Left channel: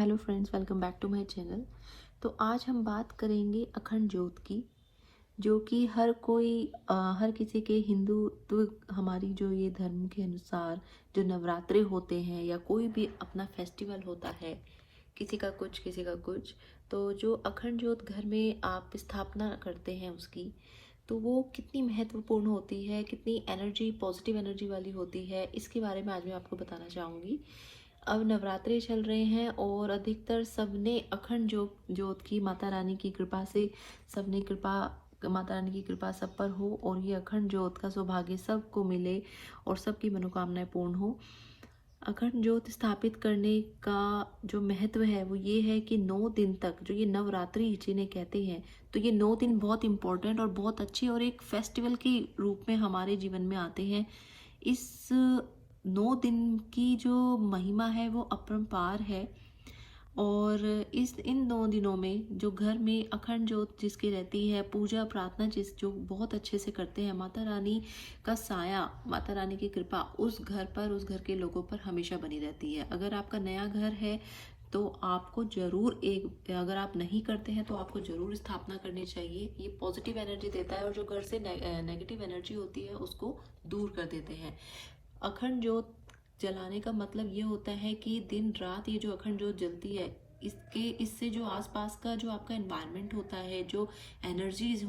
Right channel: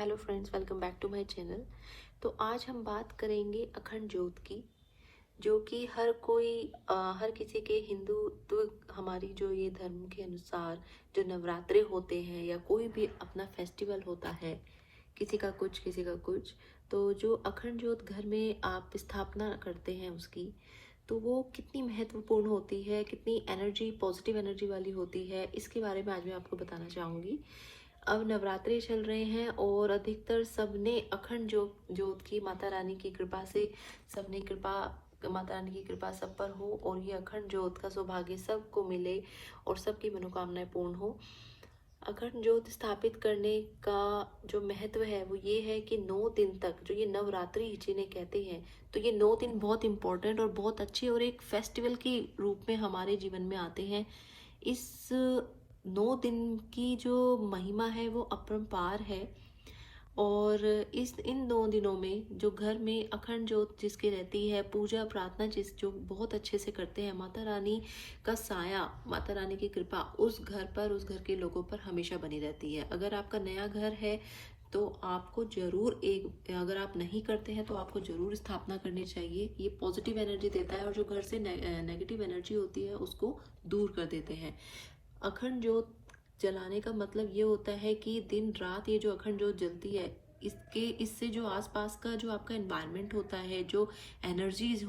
Hello friends, welcome back to my channel. तो आज हम बात करेंगे अखंड ज्योत की, जो कि हर किसी के हिंदुत्व हमारी जो ये धर्म के अनुसार जो नवरात्रे होते हैं या कोई भी अपना फेस्टिवल होता है, किसी का कुछ किसी का कुछ, तो जो अखंड ज्योत घर में आप स्थापना करते हैं उसकी, तो वो कितनी महत्वपूर्ण होती है, कितनी एनर्जी पॉजिटिव एनर्जी वाली होती है, इसके बारे में आज मैं आपको बताना चाहूँगी। अब नवरात्रि चल रहे हैं और अधिकतर सबने अखंड ज्योत की माता रानी की कृपा से सबने कृपा माता रानी की कृपा सब पर हो और ये अखंड ज्योत का सौभाग्य सबको मिले और सबकी मनोकामनाएं पूर्ण हो। अखंड ज्योत स्थापित करने का जो महत्व है वो ये है कि 9 दिन तक, जो ये नवरात्रि जिन्हें कहते हैं, तो ये 9 दिन बहुत इंपॉर्टेंट और बहुत अच्छे और एक फेस्टिवल के रूप में हमारे जीवन में आते हैं। इस 9 दिन की जो महिमा है वो अपरंपार है। और इन 9 दिनों में जो घर में अखंड ज्योत जिसकी रहती है, पूजा प्रार्थना जो बहुत अच्छे से करते हैं, माता रानी का साया, माता रानी की कृपा उस घर पर, उस घर के लोगों पर हमेशा बनी रहती है। अगर आपका नया घर है तो आपको जरूर अगर आप नहीं करते हैं तो आपको जरूर स्थापना करनी चाहिए। ये पॉजिटिव एनर्जी देता है और जो घर से नेगेटिव एनर्जी होती है उसको दूर कर देते हैं। अखंड ज्योत जलाने का मतलब ये होता है कि दिन रात ये जो अखंड ज्योत जलती है, इससे जो आसपास का जो आपका एनवायरनमेंट होता है, जो एनर्जीज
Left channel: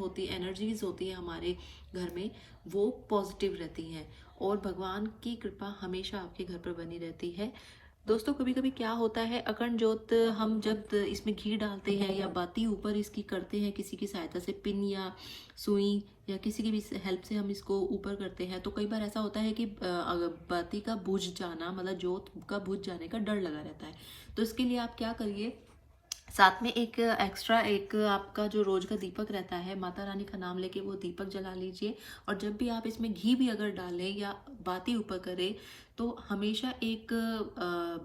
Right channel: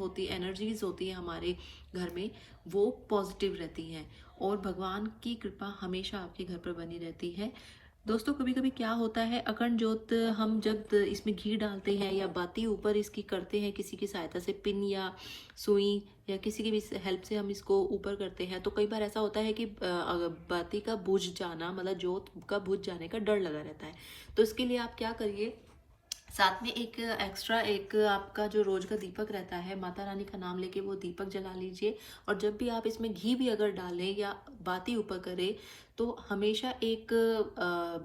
होती है हमारे घर में, वो पॉजिटिव रहती हैं और भगवान की कृपा हमेशा आपके घर पर बनी रहती है। दोस्तों, कभी कभी क्या होता है, अखंड ज्योत हम जब इसमें घी डालते हैं या बाती ऊपर इसकी करते हैं, किसी की सहायता से पिन या सुई या किसी की भी हेल्प से हम इसको ऊपर करते हैं, तो कई बार ऐसा होता है कि बाती का बुझ जाना, मतलब ज्योत का बुझ जाने का डर लगा रहता है। तो इसके लिए आप क्या करिए, साथ में एक एक्स्ट्रा एक आपका जो रोज का दीपक रहता है, माता रानी का नाम लेके वो दीपक जला लीजिए। और जब भी आप इसमें घी भी अगर डालें या बाती ऊपर करें, तो हमेशा एक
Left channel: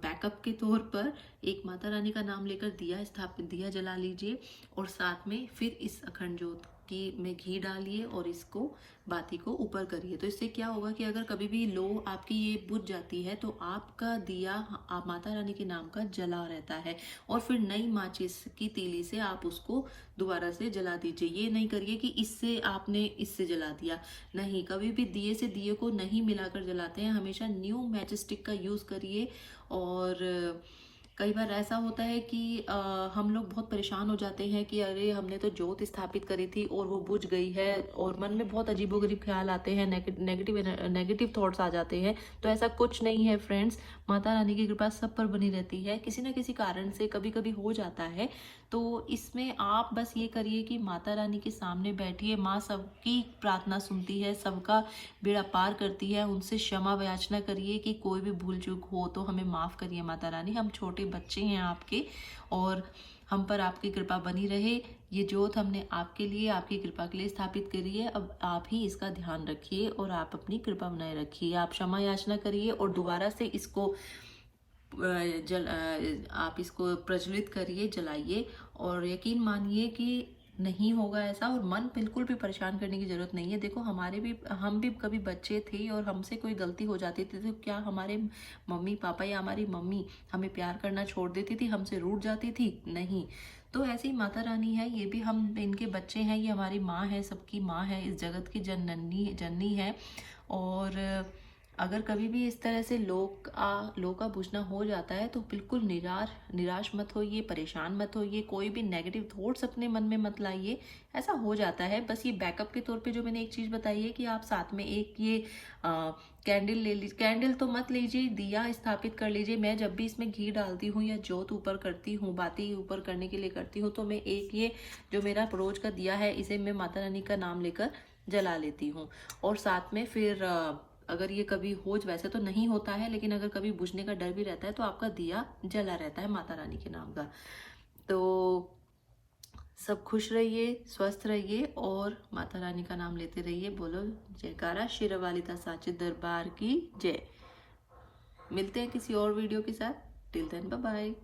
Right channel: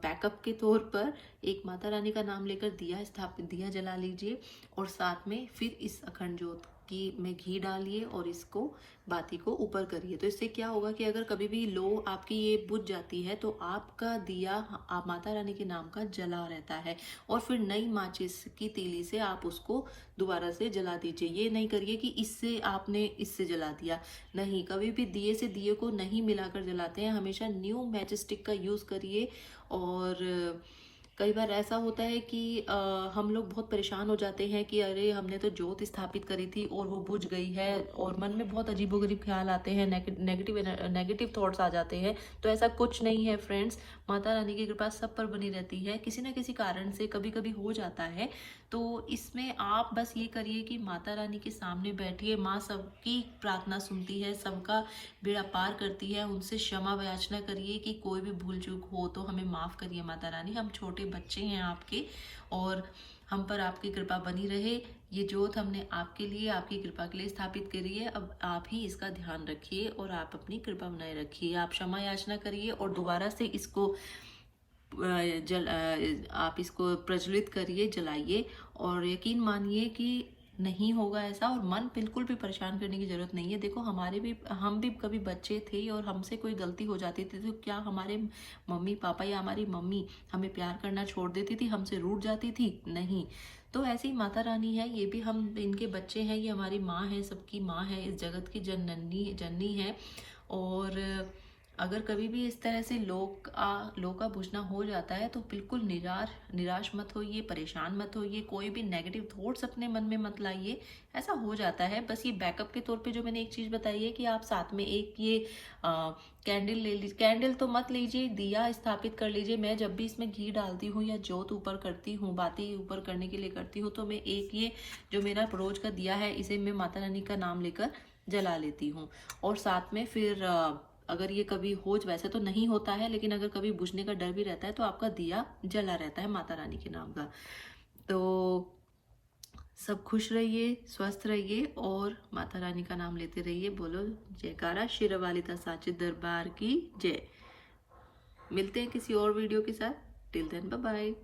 बैकअप के तौर पर एक माता रानी का नाम लेकर दिया जला लीजिए और साथ में फिर इस अखंड ज्योत की में घी डालिए और इसको बाती को ऊपर करिए। तो इससे क्या होगा कि अगर कभी भी लो आपकी ये बुझ जाती है तो आपका दिया आप माता रानी के नाम का जला रहता है और फिर नई माचिस की तीली से आप उसको दोबारा से जला दीजिए। ये नहीं करिए कि इससे जला दिया, नहीं, कभी भी दिए से दिए को नहीं मिलाकर जलाते हैं, हमेशा न्यू मैच स्टिक का यूज करिए। और कई बार ऐसा होता है कि हम लोग बहुत परेशान हो जाते हैं कि अरे हमने तो ज्योत स्थापित करी थी और वो बुझ गई है, और मन में बहुत अजीबोगरीब ख्याल आते हैं, नेगेटिव थॉट्स आ जाते हैं। तो ऐसा कुछ नहीं है फ्रेंड्स, माता रानी की कृपा सब पर बनी रहती है। किसी न किसी कारण से कभी कभी हो जाता है, तो इसमें आप बस ये करिए कि माता रानी के सामने बैठिए, माँ सबकी प्रार्थना सुनती है, सबका बेड़ा पार करती है, उनसे क्षमा याचना करिए कि कोई भी भूल चूक हो तो हमें माफ़ करिए माता रानी, हम छोटे बच्चे हैं आपके और हम पर आपकी कृपा बनी रहे। ये ज्योत हमने आपके लिए, आपकी कृपा के लिए स्थापित करी है, अब आप ही इसका ध्यान रखिए और आप अपनी कृपा बनाए रखिए। आप क्षमा याचना करिए और दोबारा से इसको आप इसको प्रज्वलित करिए, जलाइए और यकीन मानिए कि नहीं होगा ऐसा। और मन बिल्कुल भी परेशान करने की जरूरत नहीं है। देखो, हम भी कभी बच्चे थे और हमसे कोई गलती हो जाती थी तो क्या हमारे मम्मी पापा या हमारी मम्मी हमें प्यार करना छोड़ देती थी, हमसे रूठ जाती थी? नहीं। तो ऐसी माता रानी है, ये भी हम इनके बच्चे हैं, ये हमारी माँ है, सबकी माँ है, इस जगत की जननी है। और अगर कभी भी इस तरह से लोग का बुझना हो जाता है तो बिल्कुल निराश मत होइए, परेशान मत होइए, कोई भी नेगेटिव थॉट्स अपने मन में मत लाइए। ऐसा हो जाता है, बस ये बैकअप के तौर पे जो मैंने एक चीज़ बताई है कि आप साथ में एक ये कैंडल ले लीजिए, कैंडल तो मत लीजिए, दिया स्थापित कर लीजिए। मैं जब भी इसमें घी डालती हूँ या ज्योत ऊपर करती हूँ, बाती ऊपर करने के लिए करती हूँ, तो मैं एक ये जो मेरा रोज का दिया है, इसे मैं माता रानी का नाम लेकर जला लेती हूँ। और साथ में फिर अगर ये कभी वैसे तो नहीं होता है, लेकिन अगर कभी बुझने का डर भी रहता है तो आपका दिया जला रहता है माता रानी के नाम का। तो सब खुश रहिए, स्वस्थ रहिए और माता रानी का नाम लेते रहिए। बोलो जयकारा शेरावाली साचे दरबार की जय। मिलते हैं किसी और वीडियो के साथ। Till then, bye bye.